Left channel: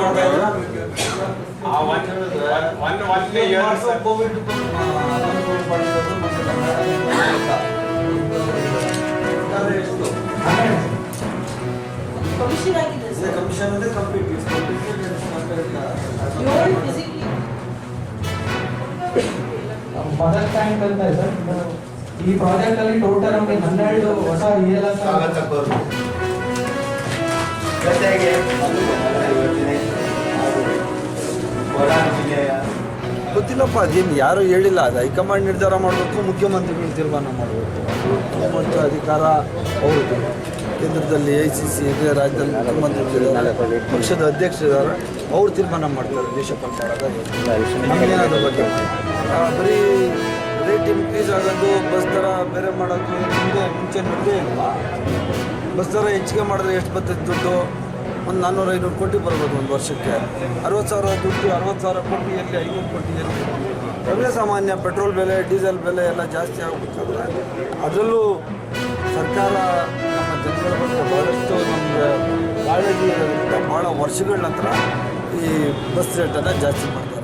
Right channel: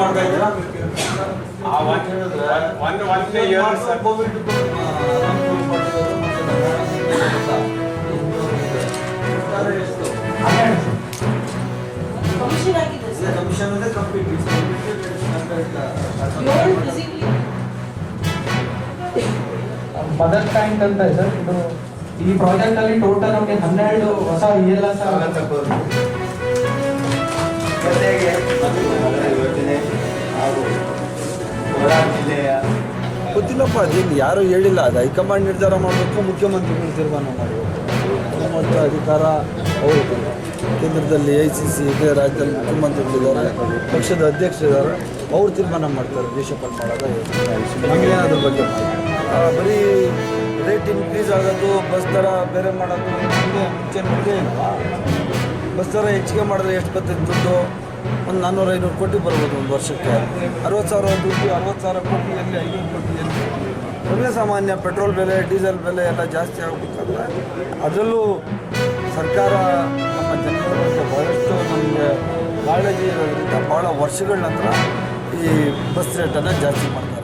ಮಾಡ್ತಾ ಇದ್ದೀರಾ? ಕೋವಿಡ್ ಮಾಡಿರೋದು ಮತ್ತೆ ಕಮಿಷನ್ ಆಗಿದೆ ಸರ್. ಕಮಿಷನ್ ಅಂದ್ರೆ ಕಂಪ್ಲೀಟ್ ಮದರ್ ಟ್ಯಾಂಕ್ ಅಂತ ಇದೆ ಸರ್. ಇದು ಈ ಪ್ರಾಜೆಕ್ಟ್ ಅಲ್ಲಿ ಟೋಟಲ್ ನಮಗೆ 12 ಹೊಸ ELS ಜೊತೆಗೆ ಯೋಜನೆ ಹಾಗೂ ಕೋಲಾರ ಜಿಲ್ಲೆಯ ಗೊತ್ತಿಲ್ಲಪ್ಪ, ಅದೇನು ಯಾರು ಹೇಳಿಲ್ಲ. ಅದು ಹೈಕಮಾಂಡ್ ನಿರ್ಧಾರ ಮಾಡಬೇಕು, ಮುಖ್ಯಮಂತ್ರಿಗಳು ತೀರ್ಮಾನ ಮಾಡಬೇಕು. ಮತ್ತು ಅಧಿಕಾರ ಅವ್ರದ್ದು. ಕೇಂದ್ರದಲ್ಲಿ ICC ಇದೆ, ರಾಜ್ಯದಲ್ಲಿ ಮುಖ್ಯಮಂತ್ರಿಗಳಿದ್ದಾರೆ, ಪಕ್ಷದ ಅಧ್ಯಕ್ಷರಿದ್ದಾರೆ, ಅವ್ರು ತೀರ್ಮಾನ ಮಾಡ್ತಾರೆ ದೇಶಪಾಲ ಮಾಡೋದು. ನಮಗೇನಾದ್ರ ಬಗ್ಗೆ ಬರೀ ರೇಟ್ ಇನ್ಕ್ರೀಸ್ ಆಗೋದು, ಬಸ್ ದರ ಬೇರೆ ಮಾಡೋದು ಮುಂಚೆ ನೋಡಿದೇ ಇಲ್ವಾ? ಬಸ್ ದರ ಹೆಚ್ಚಿಗೆ ಮಾಡಿದ್ರೆ ಎಷ್ಟು ಬರ್ತದೆ ದುಡ್ಡು? ಒಂದು 400-500 ಕೋಟಿ ಬರ್ಬೋದು ಒಂದು ವರ್ಷಕ್ಕೆ. 60,000 ದುಡ್ಡು, 60,000 ಕೋಟಿ ಎಲ್ಲಿ, 500 ಕೋಟಿ ಎಲ್ಲಿ? ಸರ್ವೇ ಸಾಮಾನ್ಯ ಪೆಟ್ರೋಲ್ ಬೆಲೆ, ಡೀಸೆಲ್ ಬೆಲೆ ಎಲ್ಲ ಜಾಸ್ತಿ ಆಗಬೇಕಾದ್ರೆ ಅದರಲ್ಲೂ ಸರ್ಕಾರ ನಮ್ಮ ಜನಗಳ ಬಗ್ಗೆ ಭಾಳಷ್ಟು ನಮಗೆ ಕಾಳಜಿ ಇರೋದ್ರಿಂದ ಭಾಳ ವರ್ಷಗಳ ನಂತರ ಈ ಬಸ್ ರೇಟನ್ನು ಜಾಸ್ತಿ ಮಾಡ್ತಾರೆ.